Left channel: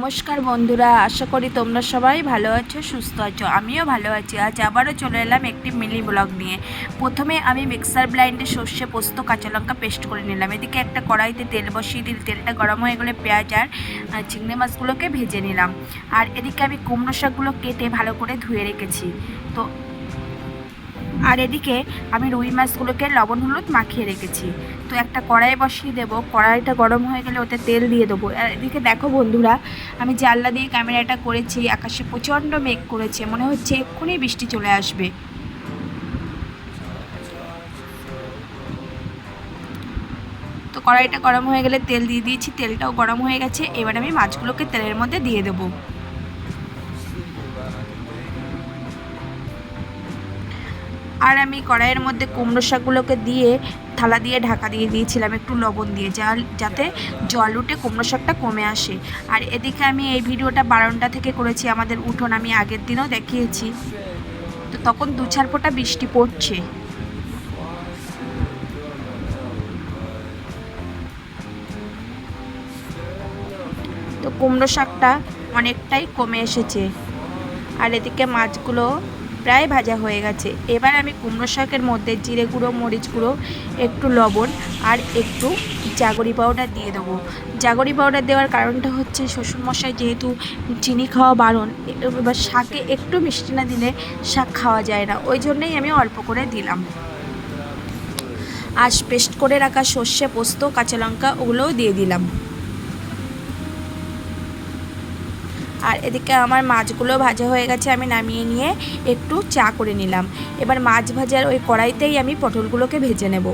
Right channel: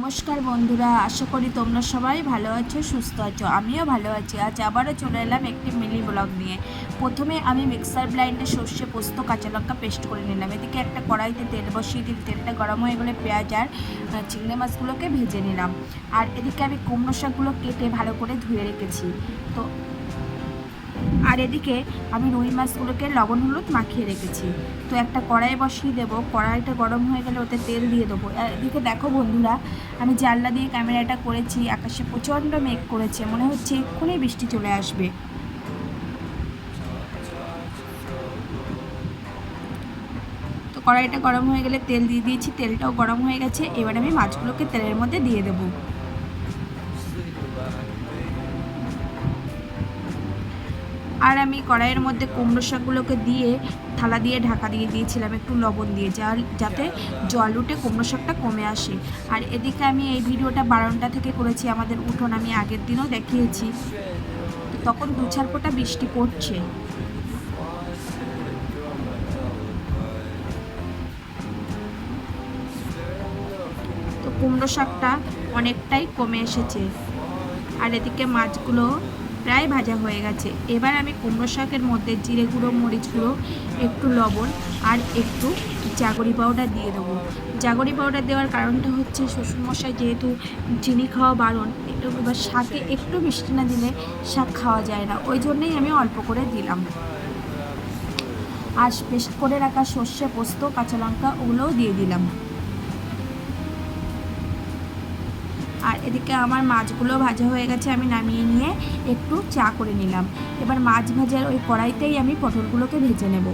নমস্কার বন্ধুরা, আশা করি তোমরা সবাই ভালো আছো, সুস্থ আছো। আমিও ভালো আছি। আজ আবারও চলে এলাম একটি মিনি ব্লগ নিয়ে। প্রথমে আমি মিক্সার ব্লাইন্ডে সর্ষে, পোস্ত, কাঁচা লঙ্কা পেস্ট করে নিলাম। এদিকে একটা কড়াইতে তেল বসিয়ে দিল। তেলটা গরম হয়ে গেলে পেঁয়াজ আর চিংড়ি মাছগুলোকে ভেজে নিলাম। আর এদিকে আমি কুমড়ো শাকগুলো কেটে ভালো করে ধুয়ে রেখেছি। তো আর এদিকে আমি রুই মাছগুলোকে লবণ হলুদ মাখিয়ে রেখেছি। তো একটা কড়াই বসিয়ে দেবো। কড়াইটা গরম হয়ে গেলে ওতে তেল দিয়ে দেবো। আর এদিকে দেখো বন্ধুরা, আমি জানলা দিয়ে ক্যামেরাটা করেছি। আকাশে প্রচণ্ড মেঘ করেছে, মনে হচ্ছে এক্ষুনি বৃষ্টি চলে আসবে। তো কড়াইটা গরম হয়ে গেলে তেল দিয়ে দিয়েছি। তেলটাও গরম হয়ে গেছে। এবার আমি মাছগুলোকে তেলের মধ্যে দিয়ে দেবো। আর আমি কড়াইয়ের মধ্যে কুমড়ো শাকগুলোকে দিয়ে থালা দিয়ে ঢাকা দিয়ে দিয়েছিলাম একটু লবণ দিয়ে, যাতে জল উঠে কুমড়ো শাকটা কমে আসে। আর এদিকে আমি এই ভিডিওটা বারান্দা থেকে করেছি। আমাদের উঠোন আমি আগের দিনও দেখিয়েছি। তো তখন দু চার ফোঁটা বৃষ্টি পড়ছে। তো কুমড়ো শাকটা অনেকটাই কমে এসেছে। আর এদিকে মাছগুলো প্রায় ভাজা হয়ে গেছে। এবার আমি কুমড়ো শাকের মধ্যে জিরে গুঁড়ো, মরিচ গুঁড়ো, একটু লবণ আর একটু জাগরি পাউডার দিয়ে দেবো। জাগরি পাউডার দেওয়ার কারণটা হচ্ছে শ্বশুরমশাই যেহেতু চিনি খাওয়া বারণ, এবার শাকে একটু মিষ্টি না দিলে শাক খাওয়া যায় না, ওই জন্যই আমি অল্প করে দিলাম। আর পেস্ট করে রাখা সর্ষে, পোস্ত, কাঁচা লঙ্কা ওগুলোও দিয়ে দিলাম। আর এদিকে আমার মাছগুলো ভাজা হয়ে গেছে। আমি নামিয়ে নিয়ে একটু চা করে নিলাম। এবার মাছ ভাজার ওই কড়াইতেই আমি পটলগুলোকে ভেজে নেব।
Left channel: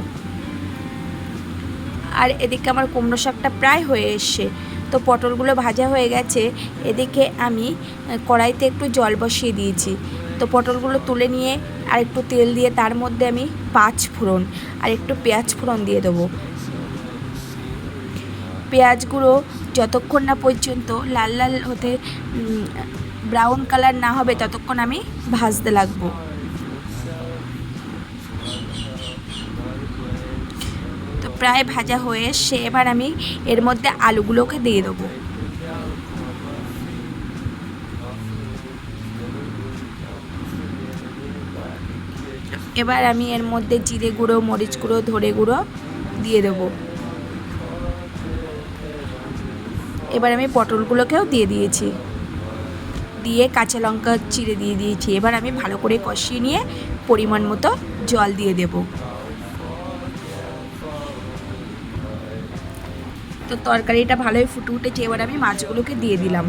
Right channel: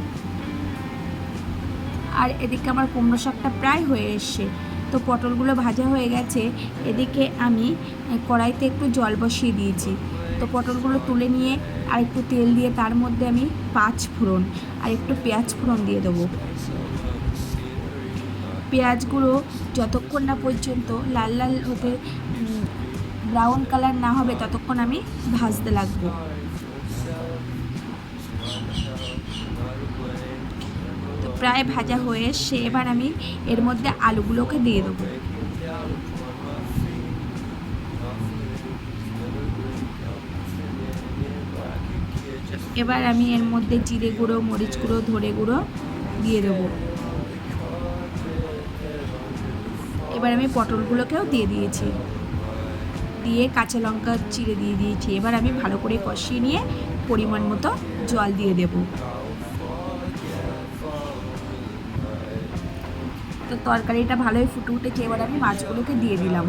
আর এদিকে আমার কুমড়ো শাকটা প্রায় হয়ে এসছে। তো পটলগুলো ভাজা হয়ে গেছে। এদিকে আমি কড়াইতে একটু জল বসিয়ে দিয়েছি। তো পটলগুলো তুলে নিয়ে আর একটু তেল দিয়ে তার মধ্যে আমি 5 ফোড়ন আর একটু পেঁয়াজ ফোড়ন দিয়ে দেবো। পেঁয়াজগুলো যতক্ষণ না পর্যন্ত লাল লাল হতে ব্রাউন কালার না হবে ততক্ষণ আমি ভাজতে লাগবো। তো প্রায় ভাজা হয়ে এসে এবার আমি এর মধ্যে আলুগুলোকে দিয়ে দেবো। এবার আমি এর মধ্যে জিরে গুঁড়ো, মরিচ গুঁড়ো, ধনে গুঁড়ো দিয়ে দেবো। এবার আমি পটলগুলোকেও দিয়ে দিয়েছি, দিয়ে কাঁচা লঙ্কা চিড়ে দিয়ে দিয়েছি। এবার আমি ভালো করে কষিয়ে নিয়ে পরিমাণ মতো জল দিয়ে দেব। তো তরকারিটা ভালোই ফুটে উঠেছে। এবার আমি মাছগুলোকে দিয়ে দিলাম।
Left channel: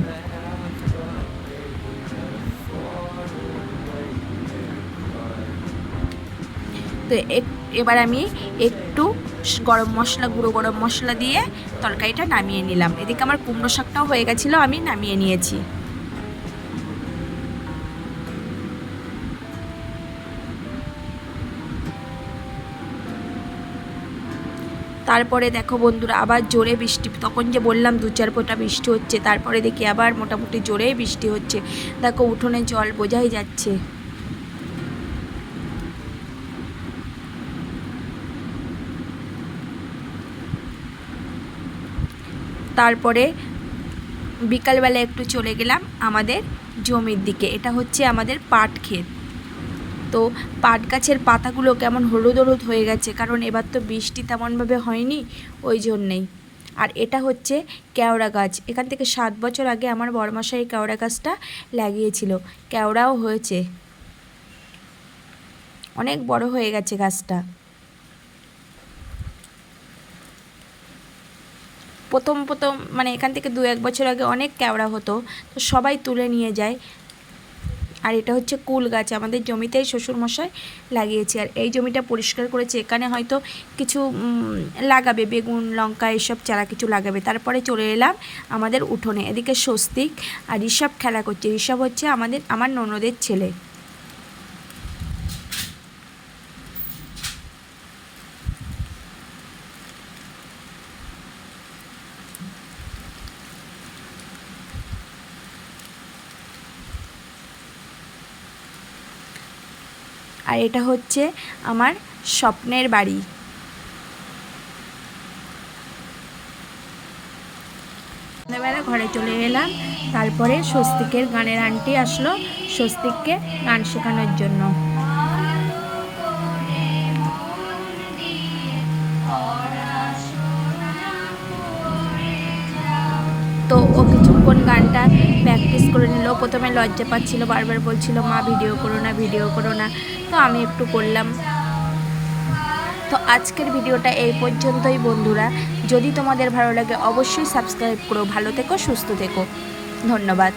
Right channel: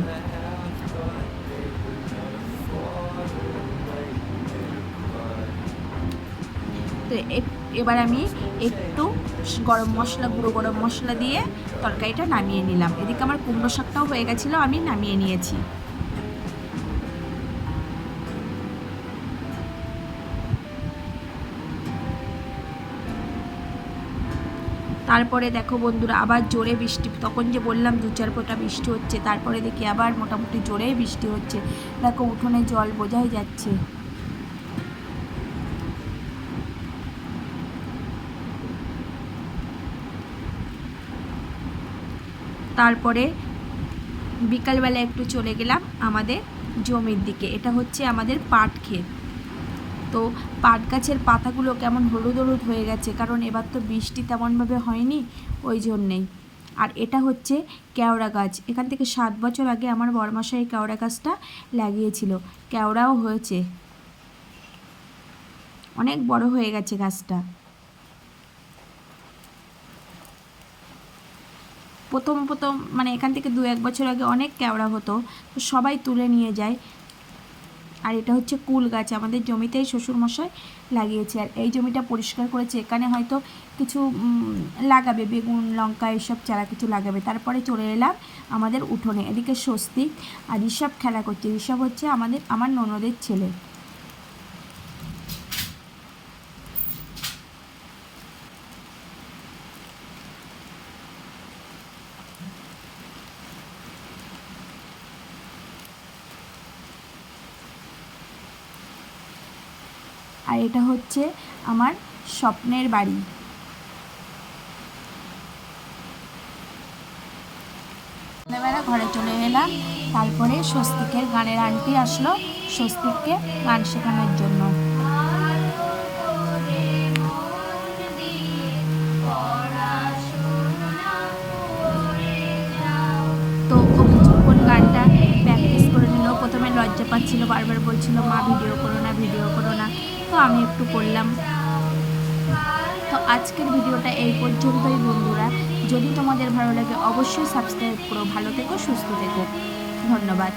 তো এবার আমি একটু গুঁড়ো গরম মশলা দিয়ে তরকারিটা নামিয়ে নিলাম। এদিকে আমার কুমড়ো শাকটাও হয়ে গেছিলো, আমি নামিয়ে নিয়েছি। তারপরে দেখো বন্ধুরা, আবার জোরে বৃষ্টি। তখন যে বললাম দু চার ফোঁটা বৃষ্টি হচ্ছে, তারপরে দেখি আবার মোটামুটি জোরেই বৃষ্টি হচ্ছে। দেখো উঠোনে জল বোঝাই যাচ্ছে। তারপরে বিকালবেলা একটু চলে গেলাম আমাদের জমির দিকে। এটা হচ্ছে আমাদের পাট ক্ষেত। তো পাট গাছের পাতাগুলো কেমন হলুদ হলুদ হয়ে গেছে, কারণ এবার তো বৃষ্টি তেমনভাবে হয়নি, ওই জন্যেই। আর এটা হচ্ছে কেওড়া গাছ। এখান থেকে 7 বছর আগে আমার বড়মশাই এই কেওড়া গাছটা লাগিয়েছিল। কেওড়াও হয়েছে, অনেক বড় হয়ে গেছে গাছটা। প্রথম প্রথম মানে এখান থেকে 2-1 বছর আগে অনেক কেওড়া হতো, তো সবাই তুলে নিয়ে যায়। আর এটা হচ্ছে কুল গাছ, আমাদের জমিতেই শ্বশুরমশাই লাগিয়েছে। আর এই জমিটা পরিষ্কার করেছে। এখানে হয়তো কিছু লাগাবে, বেগুন, লঙ্কা, এসব চারা কিছু লাগাবে। তারপরে চলে এলাম আমাদের উঠোনে। এদিকে স্বস্তিক আর ঋষভ খেলা করছে। ঋষভ হচ্ছে আমার ননদের ছেলে। আর এটা হচ্ছে আমার স্বপ্নের বাড়ি। সন্ধ্যাবেলা ঘরে চলে এলাম। তারপরে স্বস্তিকের গানের আন্টি আসলো স্বস্তিককে গান শেখানোর জন্য। তো ও কিছুক্ষণ গানটা প্র্যাকটিস করে নিল। প্রথমে লজ্জা পাচ্ছিল, বারবার বলছিল মা ভিডিও করো না, ভিডিও করো না। তো আমি একটু করলাম। তো আজকের ভিডিওটা এই পর্যন্তই বন্ধুরা। যদি তোমাদের ভালো লাগে অবশ্যই সাবস্ক্রাইব করো। ভালো থেকো, সুস্থ থেকো। ধন্যবাদ।